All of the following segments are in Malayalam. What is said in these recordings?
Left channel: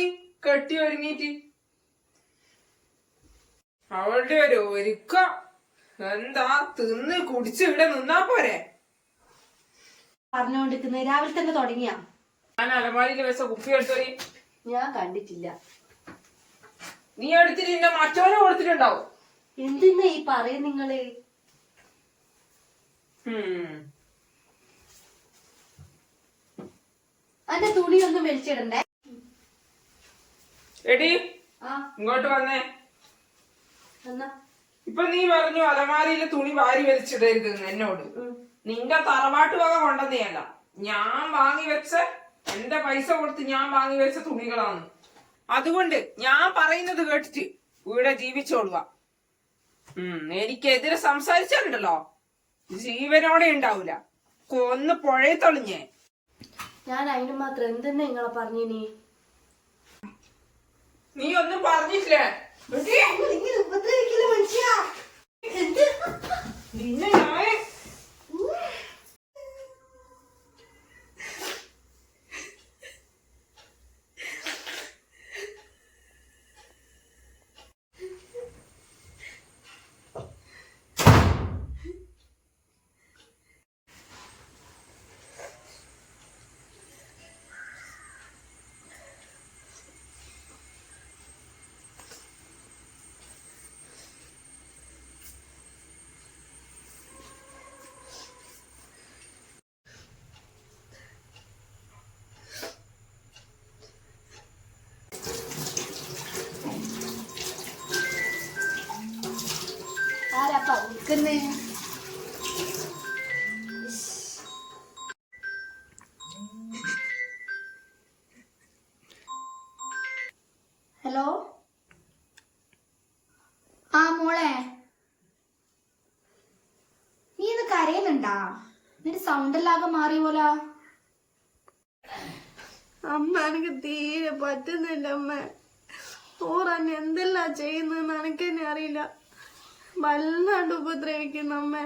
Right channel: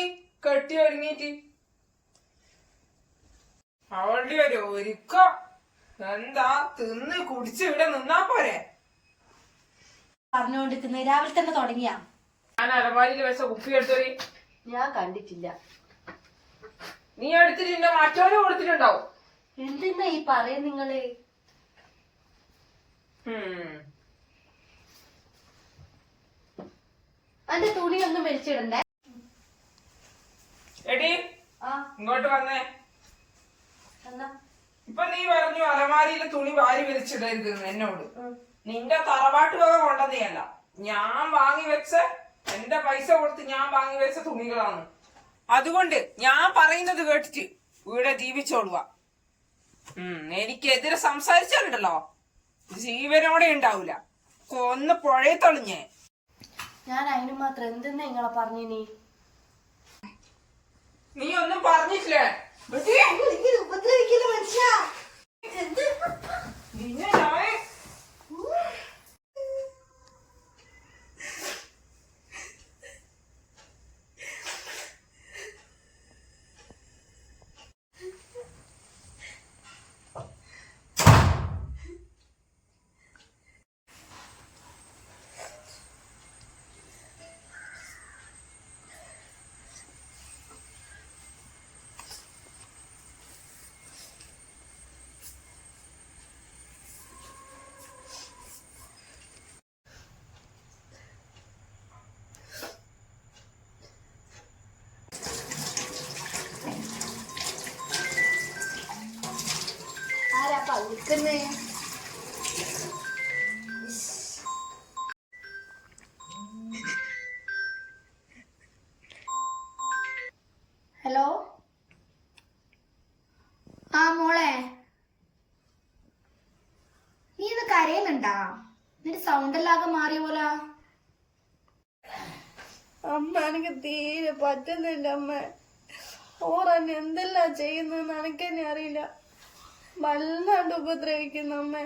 നീ കെട്ടി ഒരുങ്ങിട്ട് അവളുടെ ഒരു ഒരുക്കം. എന്താ തിന്ന് കുടിച്ച് ഇവിടെ നിന്നാ പോരെ? പറഞ്ഞുകൊണ്ടിരിക്കുന്നത് രാവിലെ തന്നെ തുടങ്ങിയാ? ഞാൻ അലമാരിയിൽ വെച്ച കുപ്പി എടുത്തോടി. ഞാൻ കണ്ടിട്ടില്ല. നീ എടുത്തിട്ട് നിന്നെ മറ്റോനെ കൊടുത്തിട്ടുണ്ടാവും. എന്തിനാ ഈ പറയും നിങ്ങൾ? ഹും. തുണിയൊന്നും വലിച്ചിടണ്ടേ? എടി ഇങ്ങോട്ട് വന്നേ. ഇപ്പൊ നീ പറഞ്ഞു അലമാരിയിലെ തുണി വാരി വലിച്ചിടരുത് എന്നോട്. നിന്റെ തറവാട്ട് വക കൊണ്ടതേയല്ല ഞാൻ വാങ്ങി വെച്ച എന്റെ പൈസ കൊടുത്ത് ഞാൻ വാങ്ങി വെച്ച തുണികളാണ്. അതുകൊണ്ട് ഞാൻ പറയുന്നത് കേട്ടിട്ട് ഇവിടെ ജീവിച്ചോളുക. ഉം എനിക്കെതിരെ സംസാരിച്ചാലുണ്ടല്ലോ. ജീവനോടെ ഉണ്ടാവൂല. കൊന്ന് പുഴയെ തളിഞ്ഞേ. ഞാൻ അതിന് മാത്രം എന്തെന്നെ നിങ്ങളെ പറഞ്ഞിനി നീ? ഒന്നും പറഞ്ഞില്ലേ ഉപദ്രവിക്കൽ മനുഷ്യ? വിൽക്കുന്നേ ഹലോ? ആ മോളെ. നീ ഇത് കരയുന്നുണ്ടാ? നിന്റെ സൗണ്ട് എല്ലാകെ മാറിയ പോലാ. അമ്മ എനിക്ക് തീരെ പറ്റുന്നില്ല അമ്മ. ഓറാൻ എന്തെല്ലാം ചെയ്യുന്നതെന്ന് എനിക്കെന്നെ അറിയില്ല. വല്ലാണ്ട് ഉപദ്രവിക്കുന്നു അമ്മ.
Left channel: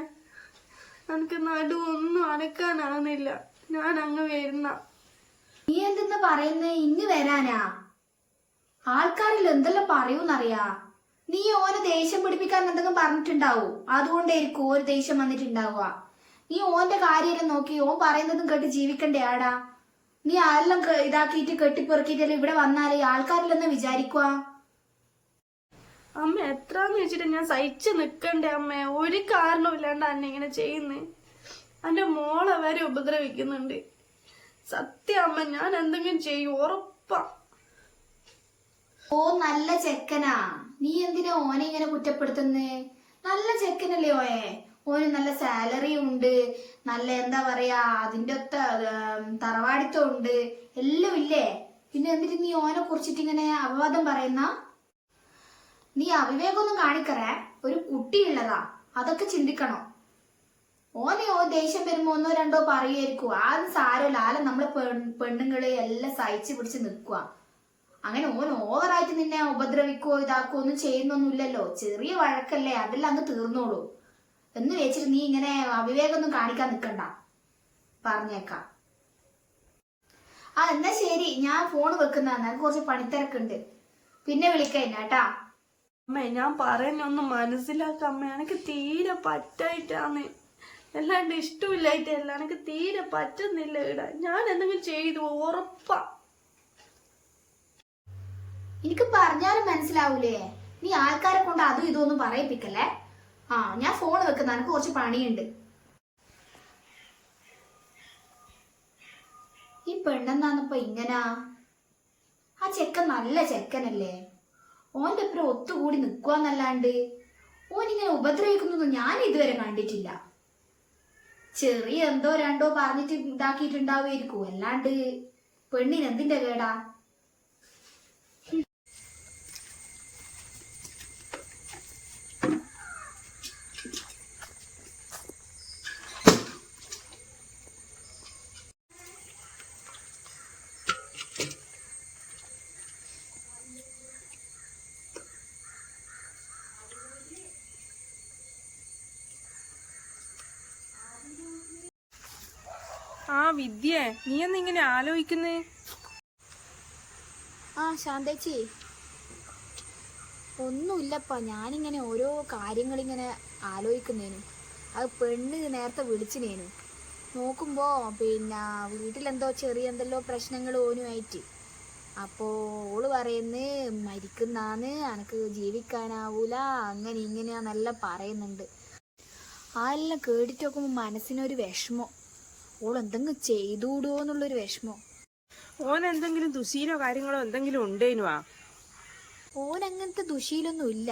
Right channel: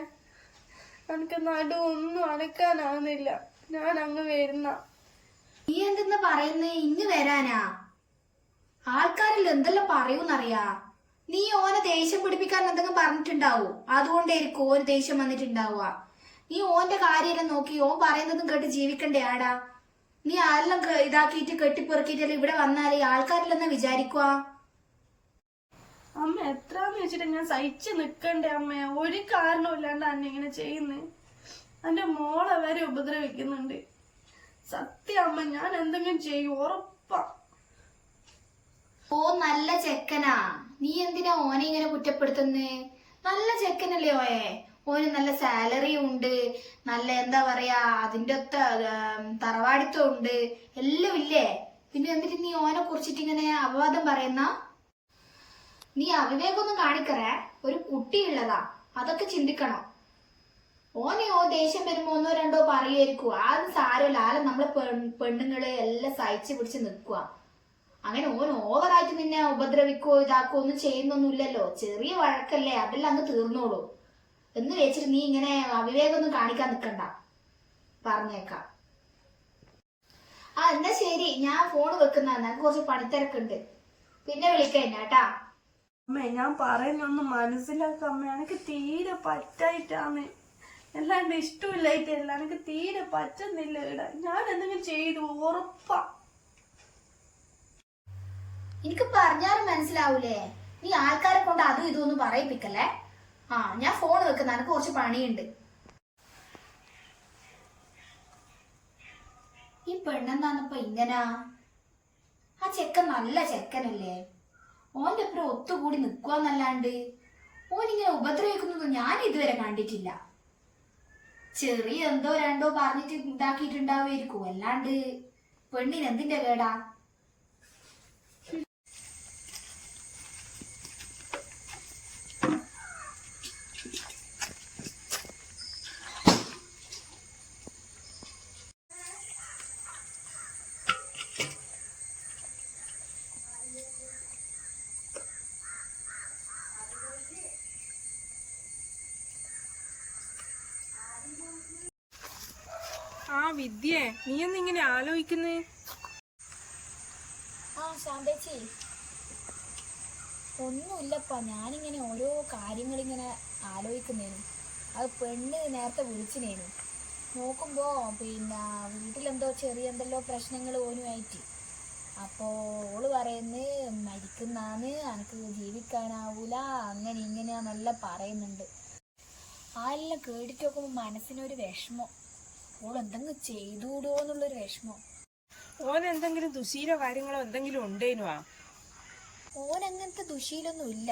എനിക്ക് നടു ഒന്നും അനക്കാനാവുന്നില്ല. ഞാൻ അങ്ങ് വരുന്ന. നീ എന്തെന്ന് പറയുന്നേ? ഇന്ന് വരാനാ? ആൾക്കാരിൽ എന്തെല്ലാം പറയൂന്നറിയാ? നീ ഓനെ ദേഷ്യം പിടിപ്പിക്കാൻ എന്തെങ്കിലും പറഞ്ഞിട്ടുണ്ടാവൂ? അതുകൊണ്ടായിരിക്കും ഓന് ദേഷ്യം വന്നിട്ടുണ്ടാവുക. നീ ഓന്റെ കാര്യമെല്ലാം നോക്കി ഓൻ പറയുന്നതും കേട്ട് ജീവിക്കണ്ടേ ആടാ? നീ ആരെല്ലാം ഇതാക്കിയിട്ട് കെട്ടിപ്പുറക്കിയിട്ടല്ലേ ഇവിടെ വന്നാലേ ആൾക്കാരില്ലെന്ന് വിചാരിക്കുക അമ്മ എത്രാന്ന് വെച്ചിട്ട് ഞാൻ സഹിച്ചു നിക്കണ്ടേ അമ്മ? ഒരു കാരണമില്ലാണ്ട് അന്നെ ഇങ്ങനെ ചെയ്യുന്നേ. എന്റെ മോളെ വരെ ഉപദ്രവിക്കുന്നുണ്ട്. സത്യം അമ്മ ഞാൻ എന്തെങ്കിലും ചെയ്യും ഉറപ്പാ. ഓ നല്ല ചെക്കനാ. നീ എന്തിനാ ഓനെ ഇങ്ങനെ കുറ്റപ്പെടുത്തുന്നേ? നല്ല ചെക്കനല്ലേ ഓയെ. ഓന് നല്ല സാലറി ഉണ്ട് നല്ല എന്താ പറയാ അതിന്റെ തറവാടിത്തം ഉണ്ട് എല്ലാം ഇല്ലേ? പിന്നെ എന്നിട്ട് നീ ഓനെ കുറിച്ചിട്ട് ഇങ്ങനെ അപവാദം പറയുന്ന? നീ അവിവേകൊന്നും കാണിക്കറേ? ഒരു കുട്ടിയുള്ളതാ. അതൊക്കെ ചിന്തിക്കണോ. ഓനെ ഓ ദേഷ്യം വരുമ്പോ ഒന്നോ രണ്ടോ പറയുമായിരിക്കും ആരും സാരമില്ല. ആരും നമ്മളെ പെണ്ണുങ്ങളെ എല്ലാം സഹിച്ചു പിടിച്ച് നിൽക്കുക അങ്ങനെ ഓൻ ഓവറായിട്ട് നിന്നെ ഉപദ്രവിക്കോ ഇതാക്കോ ഒന്നും ചെയ്യുന്നൊന്നുമില്ലല്ലോ. ചെറിയ വഴക്കല്ലേ. അതെല്ലാം അങ്ങ് തീർന്നോളൂ. എന്ന് വെച്ചിട്ട് നീ ഇങ്ങനെ അവിവേകൊന്നും കാണിക്കാൻ നിൽക്കണ്ട. പറഞ്ഞേക്കാം. ആ എന്നാ ശരി. ഞാൻ ഫോൺ വെക്കുന്ന കുറച്ച് പണിത്തിരക്കുണ്ട്. പിന്നെ വിളിക്കാം കേട്ടാ. അമ്മ ഞാൻ പറയുന്നൊന്നും മനസ്സിലാക്കാം അമ്മ. എനിക്ക് തീരെ പറ്റായിട്ടാന്ന് എല്ലാണ്ട് ഇഷ്ടമില്ലായിട്ടല്ല എനിക്ക് തീരെ പറ്റുന്നില്ല ഇവിടെ. ഞാൻ എന്തെങ്കിലും ചെയ്തു ഉറപ്പാ. എനിക്ക് പറഞ്ഞാലും മനസ്സിലാവൂലേ? നീ ആൾക്കാരെ കൊണ്ട് അതും ഇതും ഒന്നും പറയിപ്പിക്കല്ലേ? ആ ഞാൻ ഫോൺ വെക്കുന്ന. എനിക്ക് കുറച്ച് പണിയുണ്ട്. ഈ പെണ്ണെന്നാന്നിപ്പോ ഇങ്ങനാ? ആ ചെക്കൻ നല്ല ചെക്കനല്ലേ? ഓന്റെ ഒപ്പം ഒത്തുകൂടി നിൽക്കുവാന്നല്ലാണ്ട് ഓൻ ഇങ്ങനെ ഉപദ്രവിക്കുന്നതൊന്നും ഞാൻ ഇതുവരെ കണ്ടിട്ടില്ല. ചെറിയ എന്തോ രണ്ടോ പറഞ്ഞിട്ട് ഇതാക്കിയിട്ടുണ്ടാവുമായിരിക്കും. അല്ലാണ്ട് പെണ്ണിന് എന്തിന്റെ കേടാ? ആ വിദ്യ നീ എന്നിങ്ങനെ ആലോചിക്കുന്നേ? ആ ശാന്തേച്ചി. ഒന്നുമില്ലപ്പാ ഞാനിങ്ങനെ ഓരോ കാര്യങ്ങളിങ്ങനെ ആലോചിക്കുന്നേനു. അത് പെണ്ണ് നേരത്തെ വിളിച്ചിനേനു. നോക്കുമ്പോ പിന്നെ വീട്ടിലെന്തോ ചെറിയ എന്തെല്ലോ പ്രശ്നങ്ങൾ ഓനുമായിട്ട്. അപ്പോ ഓൾ പറയുന്നു മരിക്കുന്നാന്ന് എനക്ക് ജീവിക്കാനാവൂല അങ്ങനെ ഇങ്ങനെയാന്നെല്ലാം പറയുന്നുണ്ട്. ആ എല്ലാം കേട്ടിട്ട് നോക്കുമ്പോ മനസ്സിനൊരു വിഷമം. ഓൾ എന്തെങ്കിലും ചെയ്തുകൂടോ എന്നുള്ളൊരു വിഷമം. ഓൻ എന്തെങ്കിലും ദുശീലോ കാര്യങ്ങളോ എന്തെങ്കിലും ഉണ്ടേനുവാ ഓൻ അങ്ങനത്തെ ദുശീലൊന്നും ഇല്ല.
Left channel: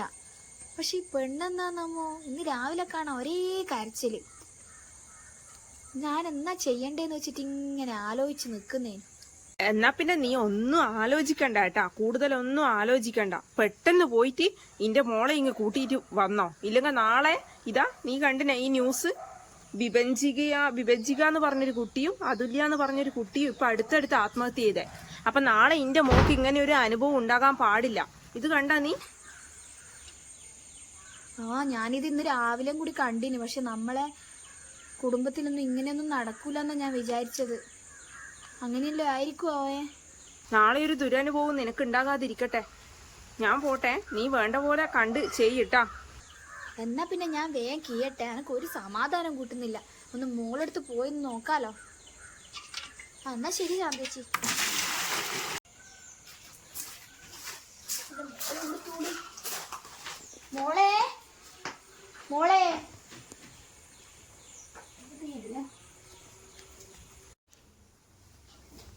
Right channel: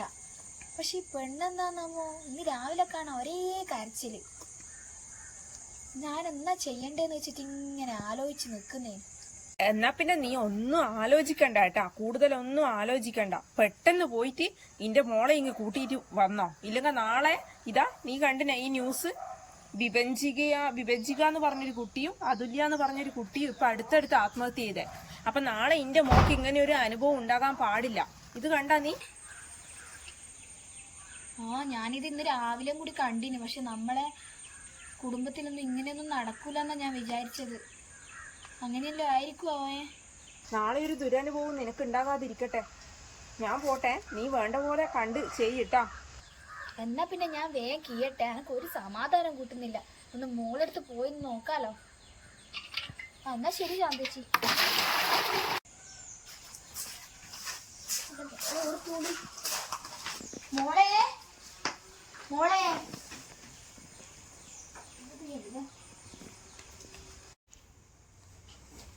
പക്ഷെ ഈ പെണ്ണെന്താന്നമ്മോ ഇന്ന് രാവിലെ കാണാൻ ഒരേ കരച്ചിൽ. ഞാൻ എന്നാ ചെയ്യണ്ടേന്ന് വെച്ചിട്ട് ഇങ്ങനെ ആലോചിച്ച് നിക്കുന്നേ. എന്നാ പിന്നെ നീ ഒന്നും ആലോചിക്കണ്ട കേട്ടാ. കൂടുതലൊന്നും ആലോചിക്കണ്ട. പെട്ടെന്ന് പോയിട്ട് ഇന്റെ മോളെ ഇങ്ങ് കൂട്ടിയിട്ട് വന്നോ. ഇല്ലെങ്കിൽ നാളെ ഇതാ നീ കണ്ടിന ഈ ന്യൂസ് വിഭജിക വിഭജിക എന്ന് പറഞ്ഞൊരു കുട്ടിയും അതുല്യ എന്ന് പറഞ്ഞൊരു കുട്ടിയും ഇപ്പൊ അടുത്തടുത്ത് ആത്മഹത്യ ചെയ്തേ. അപ്പൊ നാളെ ഇന്റെ മോക്ക് ഇങ്ങനെ ഒരു അനുഭവം ഉണ്ടാകാൻ പാടില്ല. ഇത് കണ്ടാ നീ? ആ ഞാനിത് ഇന്ന് രാവിലെ കൂടി കണ്ടിന്. പക്ഷെ നമ്മളെ കുടുംബത്തിലൊന്നും ഇങ്ങനെയൊന്നും നടക്കൂല എന്നാ ഞാൻ വിചാരിച്ചത്. അങ്ങനെയല്ലോ ആയിരിക്കും അവയെ നാളെ ഒരു ദുരനുഭവം നിനക്ക് ഉണ്ടാകാതിരിക്കട്ടെ. ഞാൻ പോട്ടെ. നീ വേണ്ട പോലെ കണ്ട് ചെയ്യട്ടാ എന്നാ പിന്നെ ഞാൻ വേഗം കീയട്ടെ? എനക്ക് ഒരു സമാധാനം കൂട്ടുന്നില്ല. ഒന്ന് മോളെടുത്ത് പോയി നോക്കാലോ. എന്നാ ശരി ശാന്തേച്ചി. മോളെ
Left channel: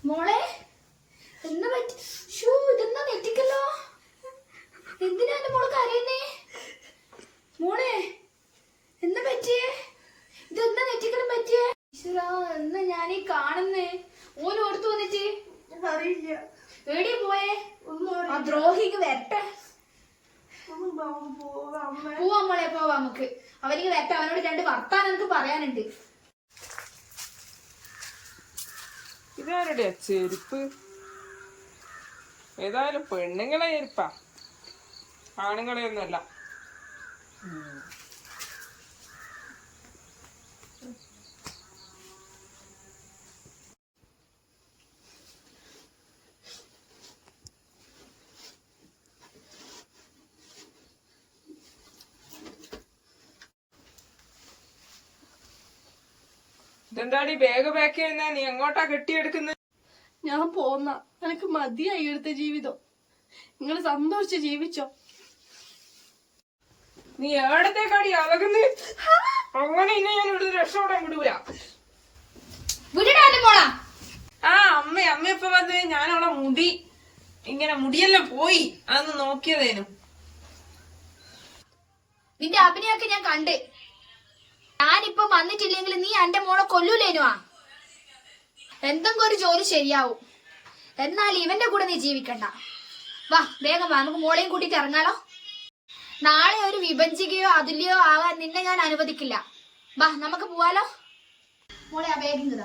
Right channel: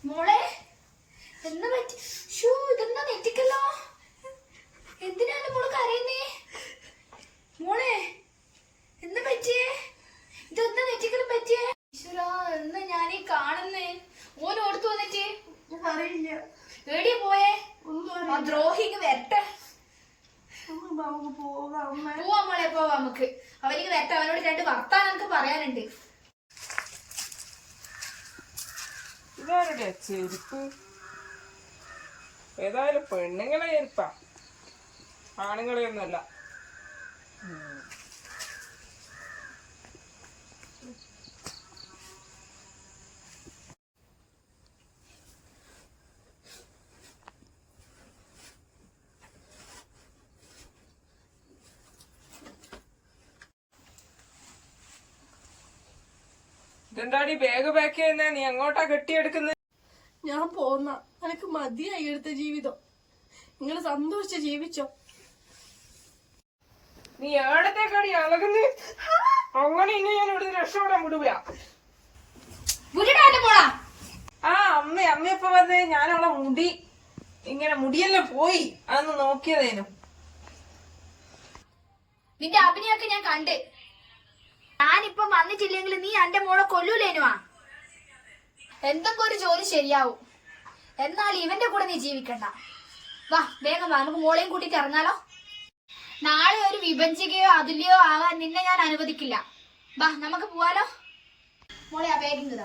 മോളെ എന്നാ പറ്റി ഷൂ ഇതെന്നാ നെറ്റിക്കല്ലോ എന്തിനാ എന്റെ മോൾ കരയുന്നേ മോളെ എന്താ പറ്റിയേ ഇതെന്താ നെറ്റിക്കലും പറ്റിയേ ഈശ്വരാ എന്ന് ഞാൻ ഈ കാണുന്നേ ഓൻ ഓടുത്തു വന്നിട്ട് അറിയില്ല എവിടെയാ പോയേ ഒന്നും ആ ദ്രോഹിക്ക് വരട്ടെ അറിയില്ല നമുക്ക് പോകാം അമ്മ പോവാ മോളെ പോവാ നമുക്ക് അവനിക്ക് വരട്ടെ അവനോട് രണ്ട് വർത്താനം എനിക്ക് പറയാനുണ്ട്. ഇതാരുടെ ചെരുപ്പ്? ഏതായാലും പെണ്ണുങ്ങളെ ചെരുപ്പാ. ആണുങ്ങളെ ഇതെന്താടി ബാഗ് പാക്ക് ചെയ്യുന്ന? നീ എങ്ങോട്ടാ കെട്ടിയെടുക്കുന്നത് ഞാൻ പോന്ന എനിക്ക് മതിയായി എടുത്ത ജീവിതം. നിങ്ങൾ സന്തോഷിച്ച് ജീവിച്ചോ. നീ എവിടത്തേക്കാടി അലകുന്നു? അങ്ങനെ ഇനി ഞാൻ ഇവിടെ രക്ഷപ്പെടാൻ വിടൂല. ആ അമ്മ അമ്മ ഇപ്പൊ വന്ന്. ഞാൻ അവളെ മുടി. ഇങ്ങനെ മുടിയെല്ലാം പോയി. അതൊന്ന് നോക്കിയതേനു. നിന്റെ അഭിനയൊക്കെ ഞാൻ കണ്ട്. ഞാനിപ്പൊ വന്നിട്ടില്ലെങ്കിൽ നീ എന്റെ മോളെ കൊല്ലൂലേനുവാ എന്തെങ്കിലും ഒരു ജോലി ശരിയാവും. എന്നാൽ ഇവന്റെ കൂടെ നീ ജീവിക്കണ്ട. വാ വേഗം വാ നമുക്ക് മോളെയും കൂട്ടിട്ട് ഇറങ്ങാലോ? നാളെ ഒരു വിഭജികയോ അതിലെയോ ആവാൻ നിന്നെ ഞാൻ അനുവദിക്കില്ല. വാ നമുക്ക് പോവാലോ? മോളെ ആ ബാഗിങ്